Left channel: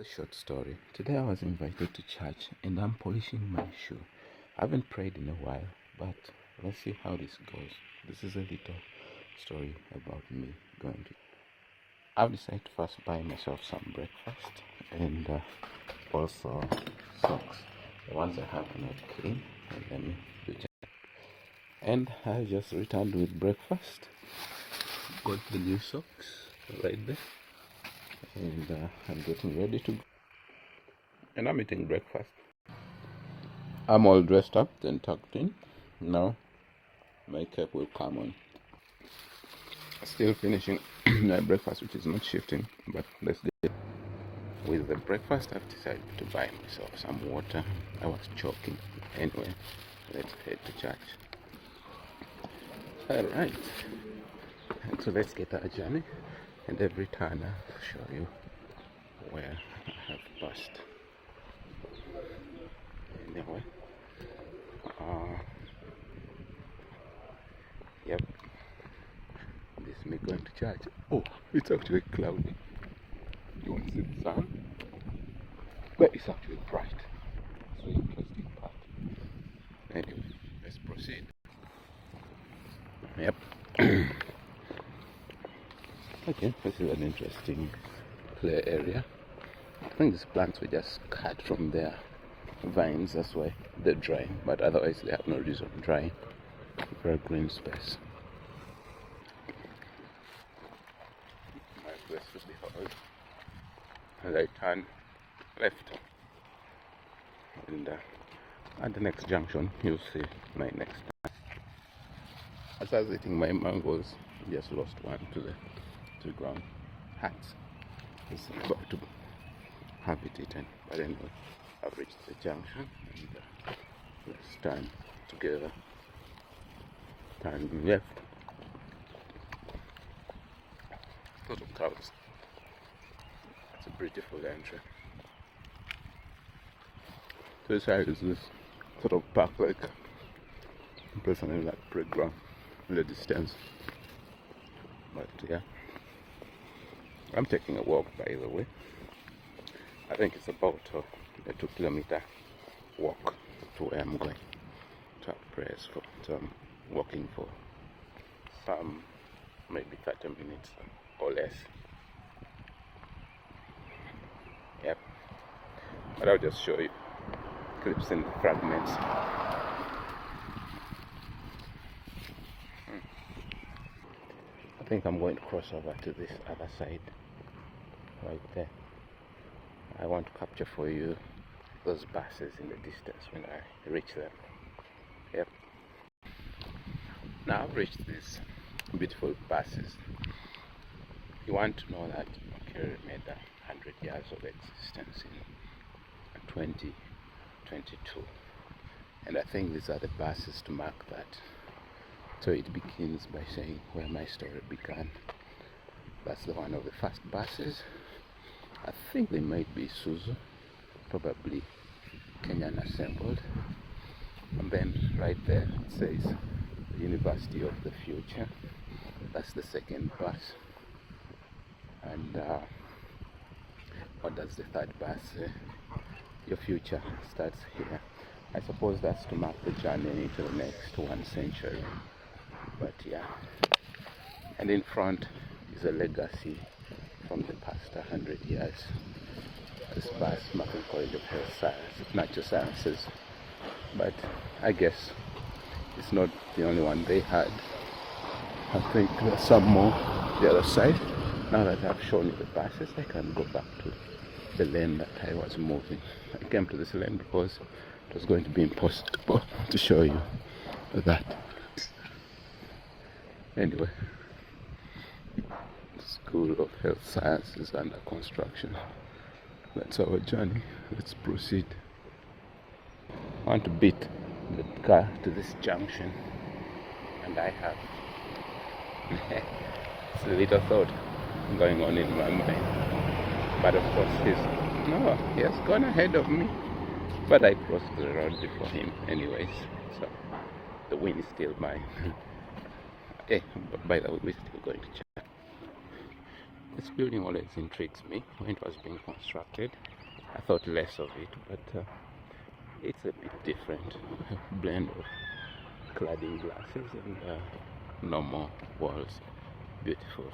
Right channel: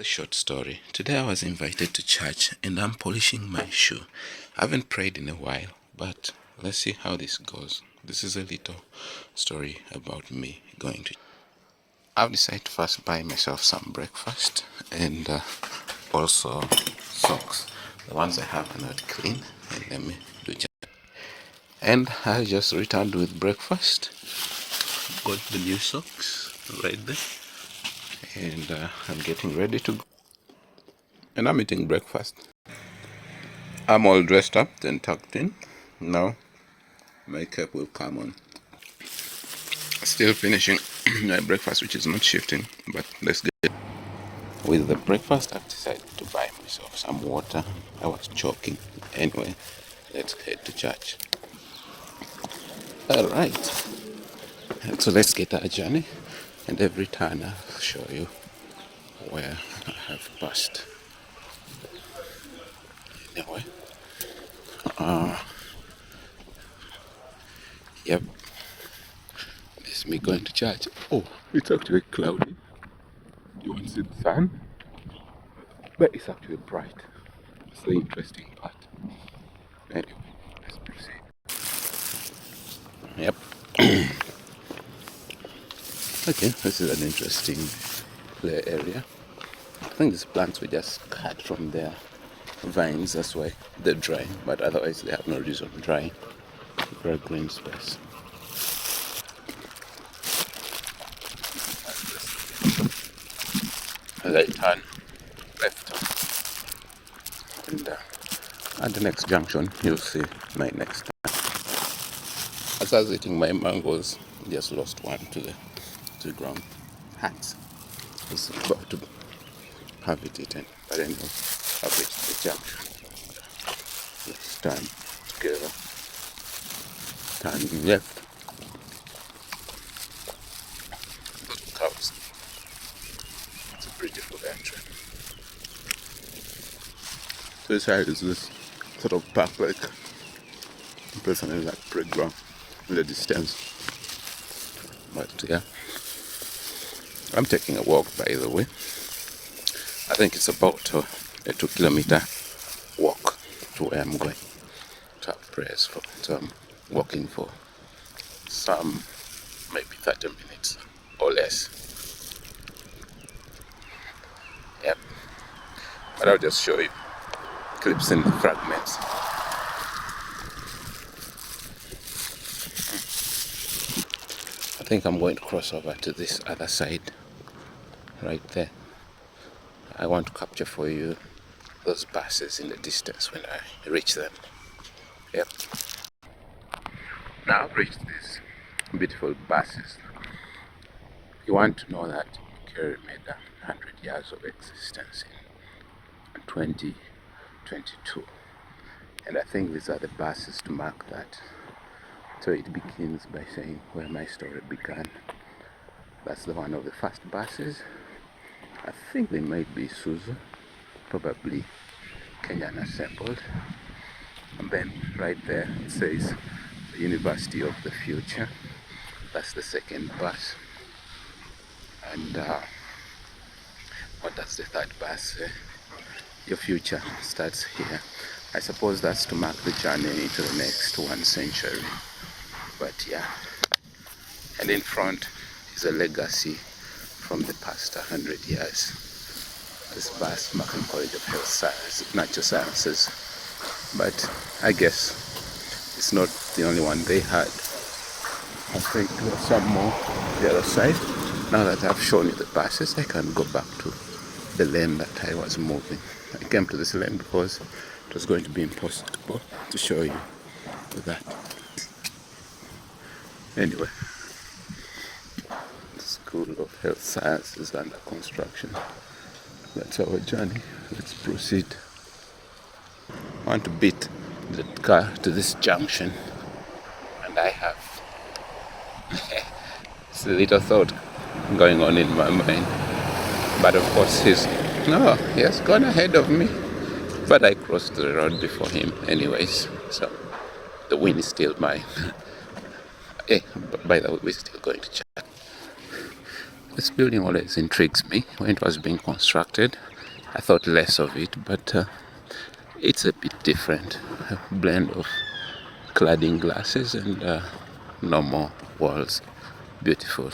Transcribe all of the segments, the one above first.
A short story. Today I was invited to church and I'm polishing my shoe. I haven't prayed in a while, but let's see how this goes. This is a little story about me going to. I've decided to first buy myself some breakfast and also socks. The ones I have are not clean, and let me do just. And I just returned with breakfast. Got the new socks right there, and I'm getting ready to go. And I'm eating breakfast. I'm all dressed up and tucked in. Now my cap will come on. Still finishing my breakfast, which is not shifting, but let's get with the breakfast. I've decided to buy myself some water. I was choking. Anyway, let's head to church. All right. And so let's get our journey. And every turn I'll show you where I have passed. Anyway, yep. This is me going to church. Oh, it's actually cloudy. You want to see the sun? But it's actually bright. It's the interesting part. Anyway, let's proceed. Yep. Okay, this is an interesting play area. I think these plants were just cut from their vines, that's why they're drying, but otherwise they have no reason drying. Very green space. As I turn left, and at the next junction, you'll see my next turn. As I was eating my mangoes, just lost one to the ground. Hats. I was about to have it eaten, but anyway, I've reached the junction. Let's turn together. Turn left. Little cows. It's a beautiful entrance. So this side is this sort of park, like personally like playground in the distance. But yeah, I'm taking a walk, by the way. I think it's about a 2-kilometer walk to where I'm going to have prayers for. So I'm walking for some maybe 30 minutes or less. Yep. But I'll just show you clips and fragments. I think I'm going to cross over to this other side right there. I want to capture for you those buses in the distance when I reach them. Yep. Now I've reached these beautiful buses. You want to know that Kerry made 100 years of existence in 2022. And I think these are the buses to mark that. So it begins by saying where my story began. That's the one of the first buses. I think they might be Isuzu, probably Kenyan assembled. And then right there it says the University of the Future. That's the second bus. And what does the third bus say? Your future starts here. I suppose that's to mark the journey into the next 1 century. But yeah. And in front is a legacy from the past 100 years. This bus marking College of Health Science, Natural Sciences. But I guess it's not the only one they had. I think there's some more the other side. Now that I've shown you the buses, I can go back to the lane that I was moving. I came to this lane because it was going to be impossible to show you that. Anyway, the School of Health Science is under construction. That's our journey. Let's proceed. I want to beat the car to this junction, and I have it's a little thought going on in my mind. But of course he has gone ahead of me. But I crossed the road before him anyways, so the win is still mine. By the way, we're still going to chat. This building always intrigues me. When it was being constructed, I thought less of it, but it's a bit different. A blend of cladding glasses and normal walls. Beautiful.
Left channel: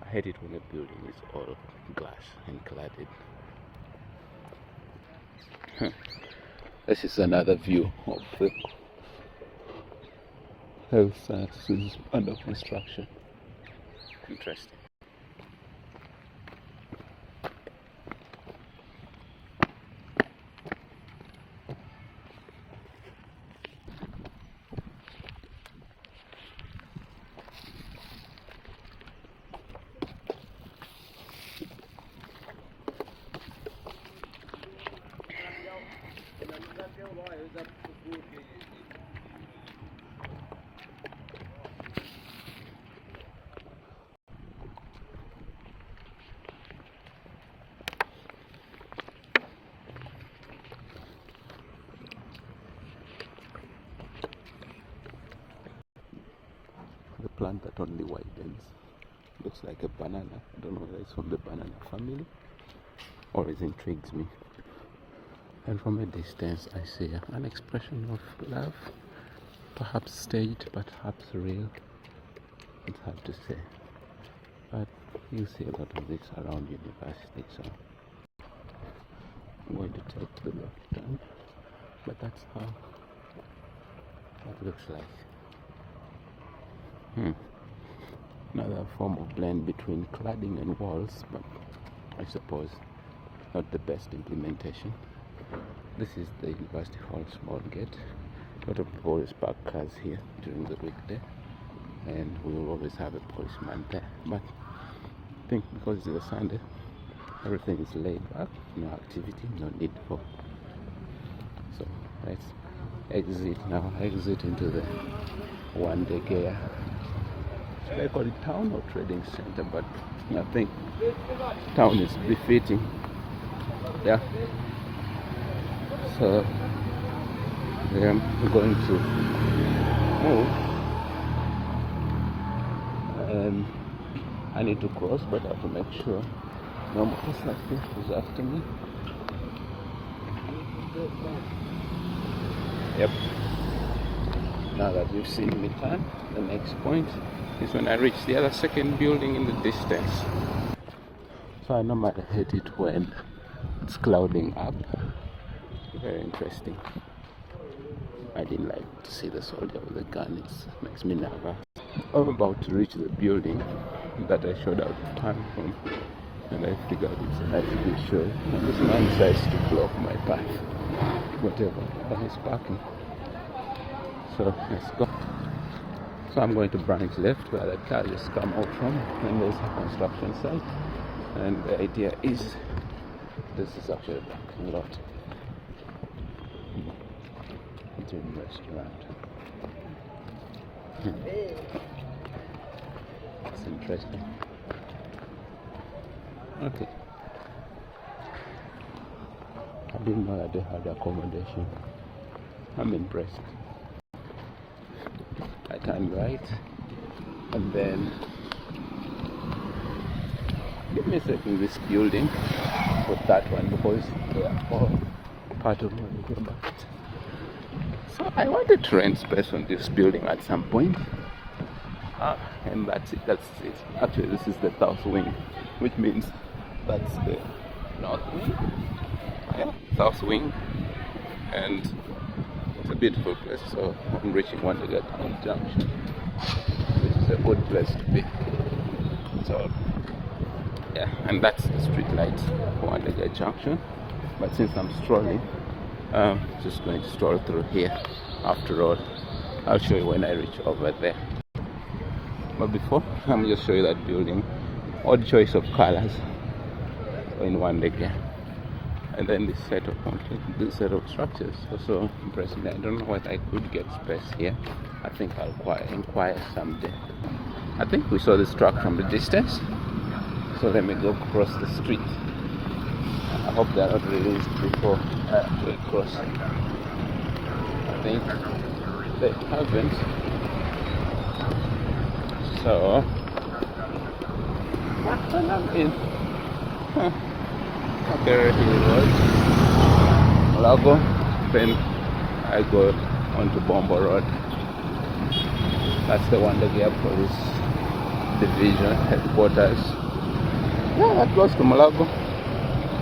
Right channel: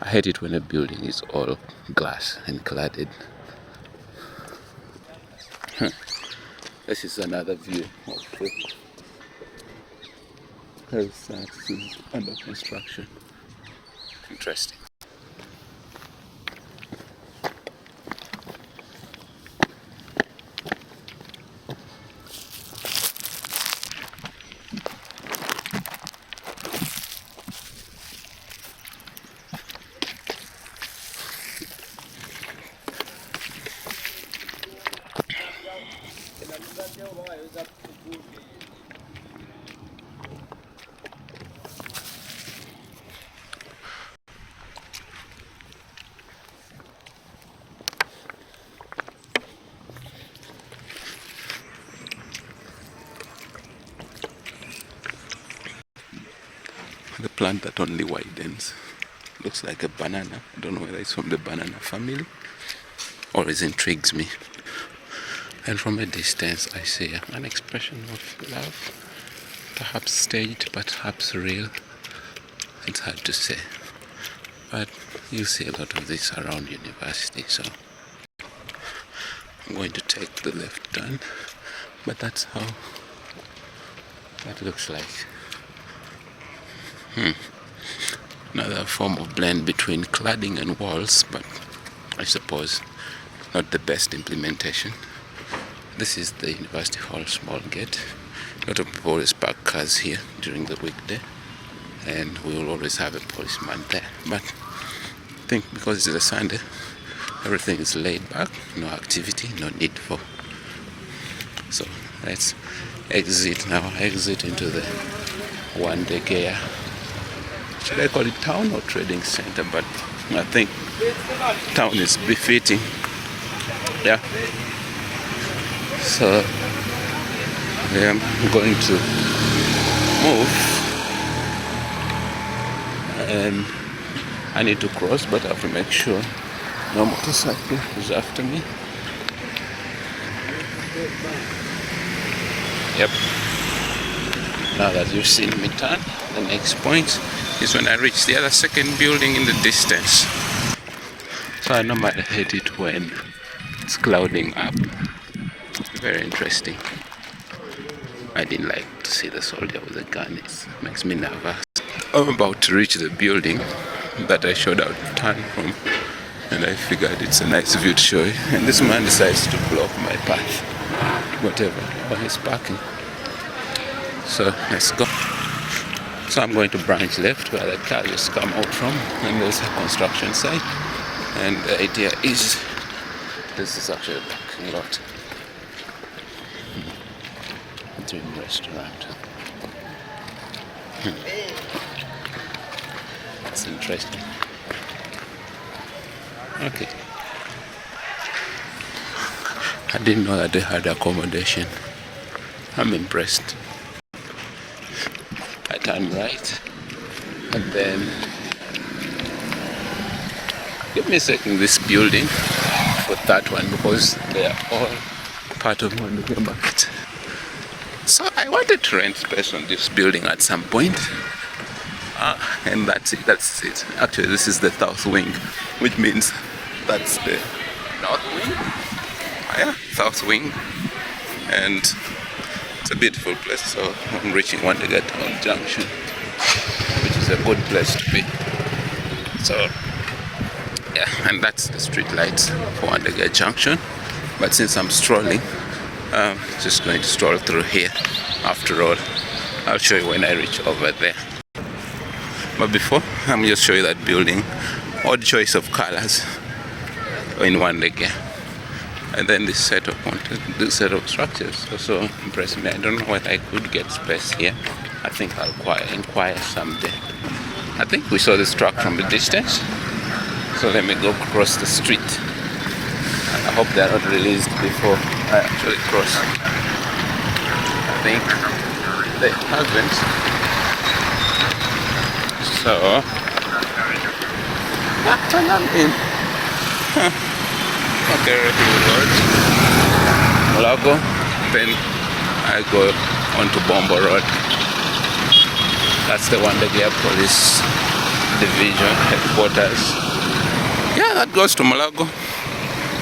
I hate it when a building is all glass and cladded. This is another view of the house that is under construction. Interesting. The plant that only widens. Looks like a banana. I don't know whether it's from the banana family or it intrigues me. And from a distance I see an expression of love. Perhaps staged, perhaps real. It's hard to say. But you see a lot of this around university, so I'm going to take the left turn. But that's how that looks like. Another form of blend between cladding and walls, but I suppose not the best implementation. This is the University Hall small gate. A lot of people always park cars here during the weekday, and we will always have a policeman there. But I think because it's a Sunday, everything is laid back, no activity, no need for. So let's exit now, exit into the one-day gear. Should I call it town or trading center? But I think town is befitting. Yeah. So I am going to move, and I need to cross, but I have to make sure no motorcycle is after me. Yep. Now that you've seen me turn, the next point is when I reach the other second building in the distance. So I normally hate it when it's clouding up. Very interesting. I didn't like to see the soldier with a gun. It makes me nervous. I'm about to reach the building that I showed out turn from, and I figured it's a nice view to show you. And this man decides to block my path, whatever, while he's parking. So let's go. So I'm going to branch left where the car just come out from, and there's a construction site. And the idea is this is actually a parking lot. Dream restaurant. It's interesting. Okay. I didn't know that they had accommodation. I'm impressed. I turn right, and then give me a second, this building for that one, because they are all part of one big bucket. So I wanted to rent space on this building at some point, and that's it. Actually, this is the south wing, which means that's the north wing. Yeah, south wing, and it's a beautiful place. So I'm reaching Wandega Town Junction, which is a good place to be. So yeah, and that's the street lights for Wandega Junction. But since I'm strolling, just going to stroll through here. After all, I'll show you when I reach over there. But before, I'm just show you that building. Odd choice of colors in one leg. And then this set of structures also impressed me. I don't know whether I could get space here. I think I'll inquire someday. I think we saw this truck from a distance. So let me go cross the street. And I hope they're not released before I actually cross. I think they haven't. So And I'm in. Okay, Road, Malago. Then I go onto Bombo Road. That's the Wandegea Police Division headquarters. Yeah, that goes to Malago.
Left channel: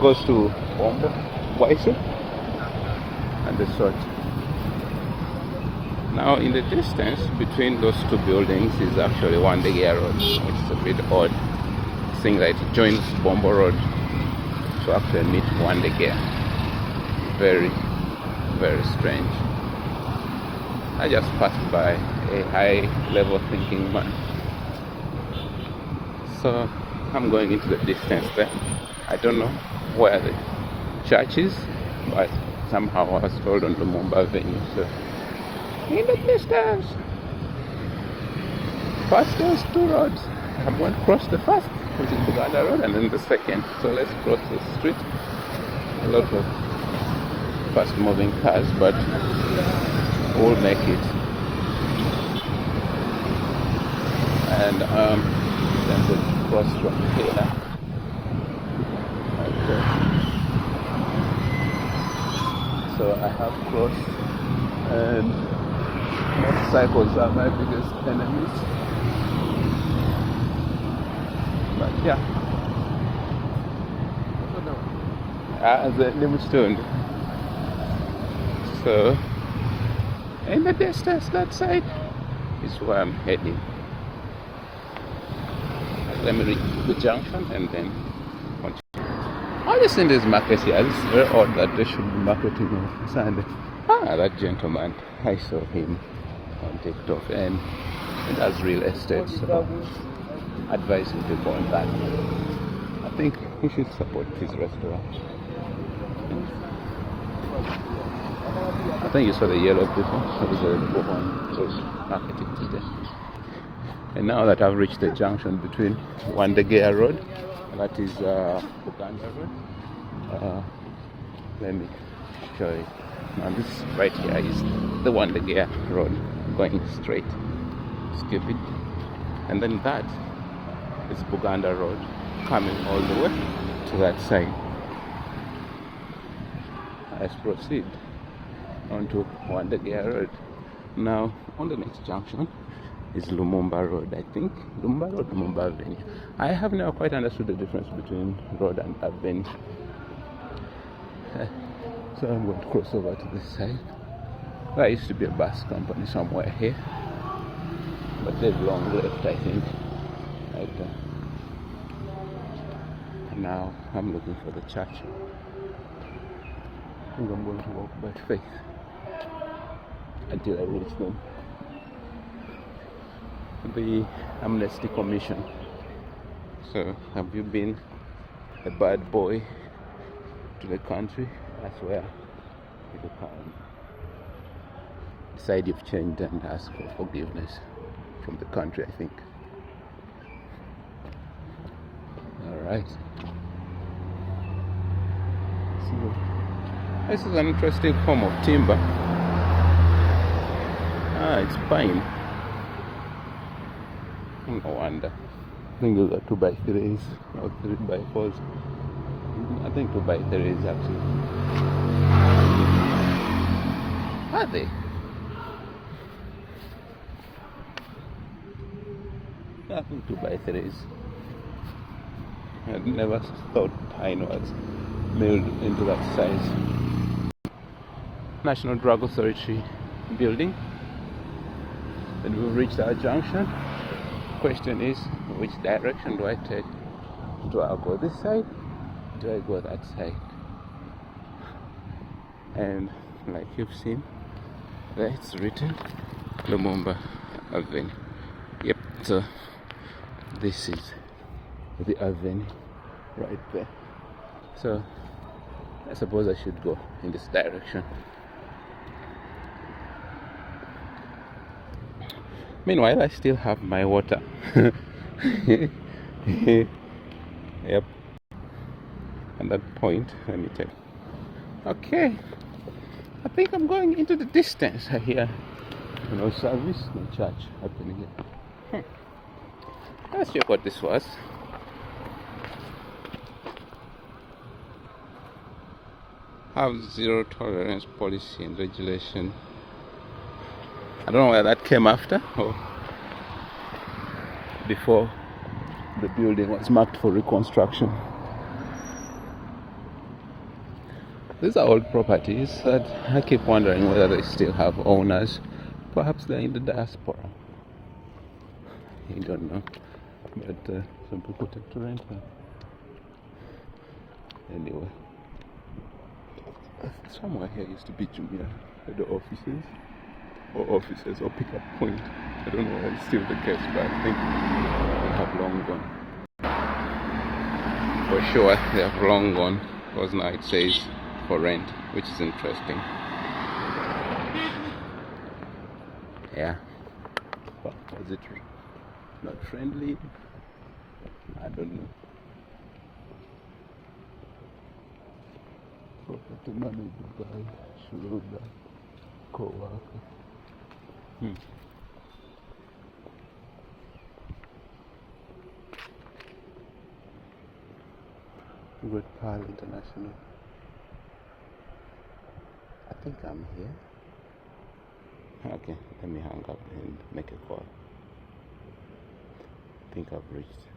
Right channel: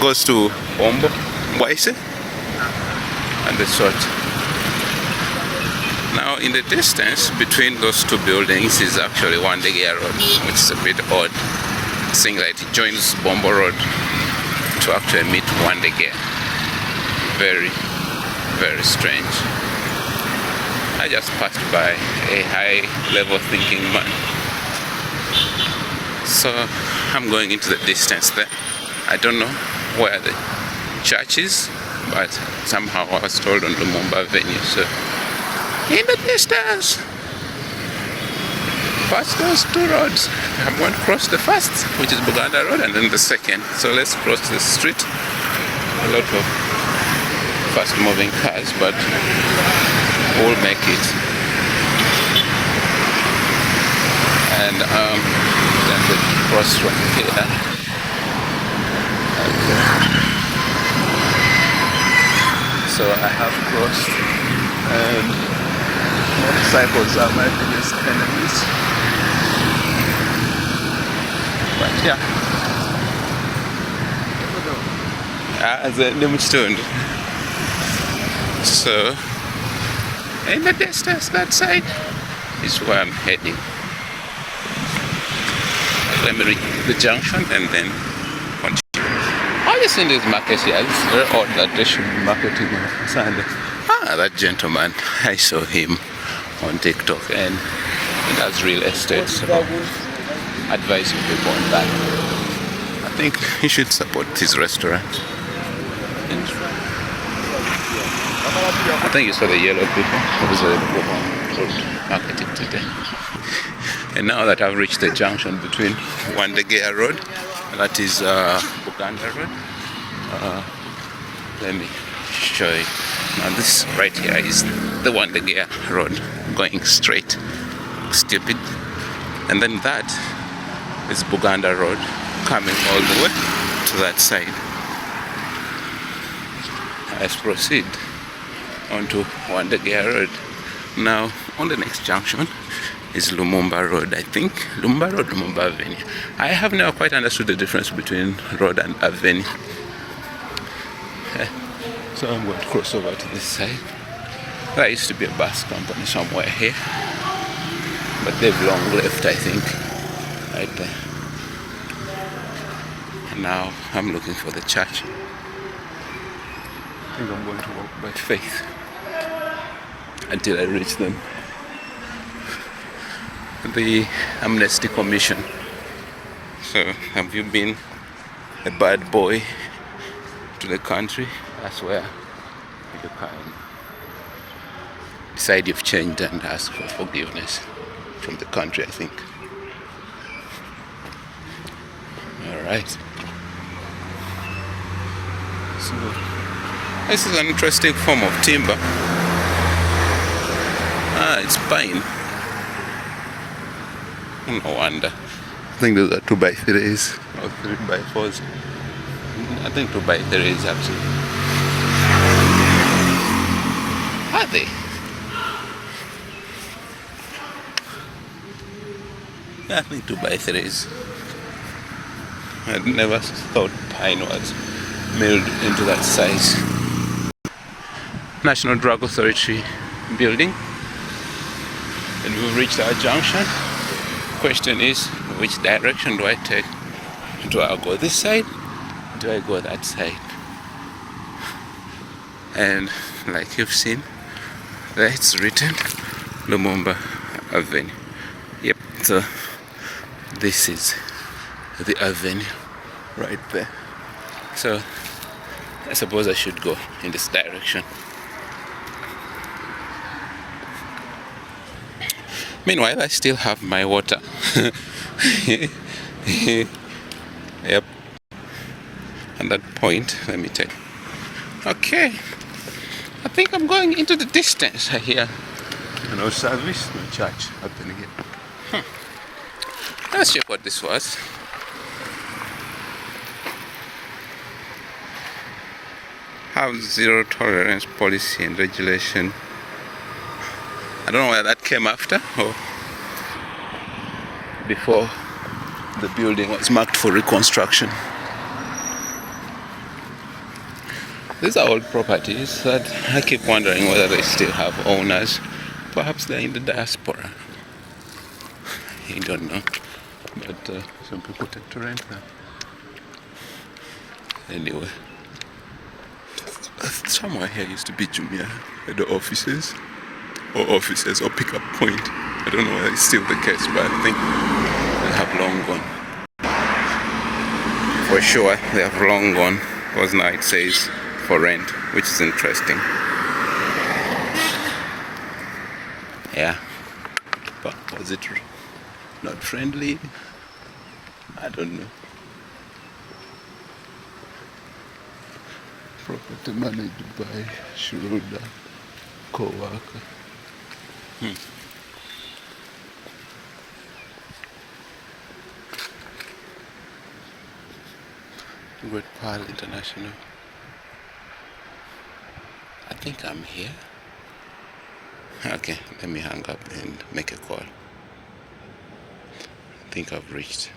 Goes to Bombo, Waise, and the sort. Now in the distance between those two buildings is actually Wandegea Road, which is a bit odd, seeing that it joins Bombo Road to actually meet Wandegea. Very, very strange. I just passed by a high level thinking man. So I'm going into the distance there. I don't know where the church is, but somehow I was told on Lumumba Avenue. So in the distance, past those two roads, I'm going to cross the first, which is Buganda Road, and then the second. So let's cross the street. A lot of fast moving cars, but we'll make it. And then the cross from here. Okay. So I have crossed, and motorcycles are my biggest enemies. But yeah. So in the distance, that side is where I'm heading. Let me reach the junction and then continue. Have you seen these markets here? It's very odd that they should be marketing on Sunday. That gentleman, I saw him on TikTok, and he does real estate, so advising people on that. I think he should support his restaurant. I think you saw the yellow people. Obviously, they go home for marketing today. And now that I've reached the junction between Wandegea Road, that is Uganda Road, let me show you. Now this right here is the Wandegea Road going straight. Stupid. And then that is Buganda Road coming all the way to that side. Let's proceed onto Wandegea Road. Now on the next junction is Lumumba Road, I think. Lumumba Road, Lumumba Avenue. I have never quite understood the difference between road and avenue. So I'm going to cross over to this side. There used to be a bus company somewhere here, but they've long left, I think, right there. And now I'm looking for the church. I think I'm going to walk by faith until I reach them. The Amnesty Commission. So, have you been a bad boy to the country? That's where you can decide you've changed and ask for forgiveness from the country, I think. Alright. So, this is an interesting form of timber. It's pine. No wonder. I think those are 2x3s or 3x4s. I think 2x3s actually. Are they? Yeah, I think 2x3s. I never thought pine was milled into that size. National Drug Authority building. And we've reached our junction. Question is, which direction do I take? Do I go this side? Do I go that side? And like you've seen, there it's written Lumumba Avenue. Yep, so this is the avenue right there. So I suppose I should go in this direction. Meanwhile, I still have my water. Yep. At that point, let me take. Okay. I think I'm going into the distance here. No service, no charge happening here. Let's check what this was. have zero tolerance policy and regulation. I don't know whether that came after or before the building was marked for reconstruction. These are old properties that I keep wondering whether they still have owners. Perhaps they're in the diaspora. I don't know. But some people tend to rent them. Anyway, somewhere here used to be Jumia head offices or pickup point. I don't know whether it's still the case, but I think they have long gone. For sure, they have long gone, because now it says for rent, which is interesting. Yeah, but was it not friendly? I don't know. Property managed by Schroeder, co-worker. Great Pearl International. I think I'm here. Okay, let me hang up and make a call. I think I've reached.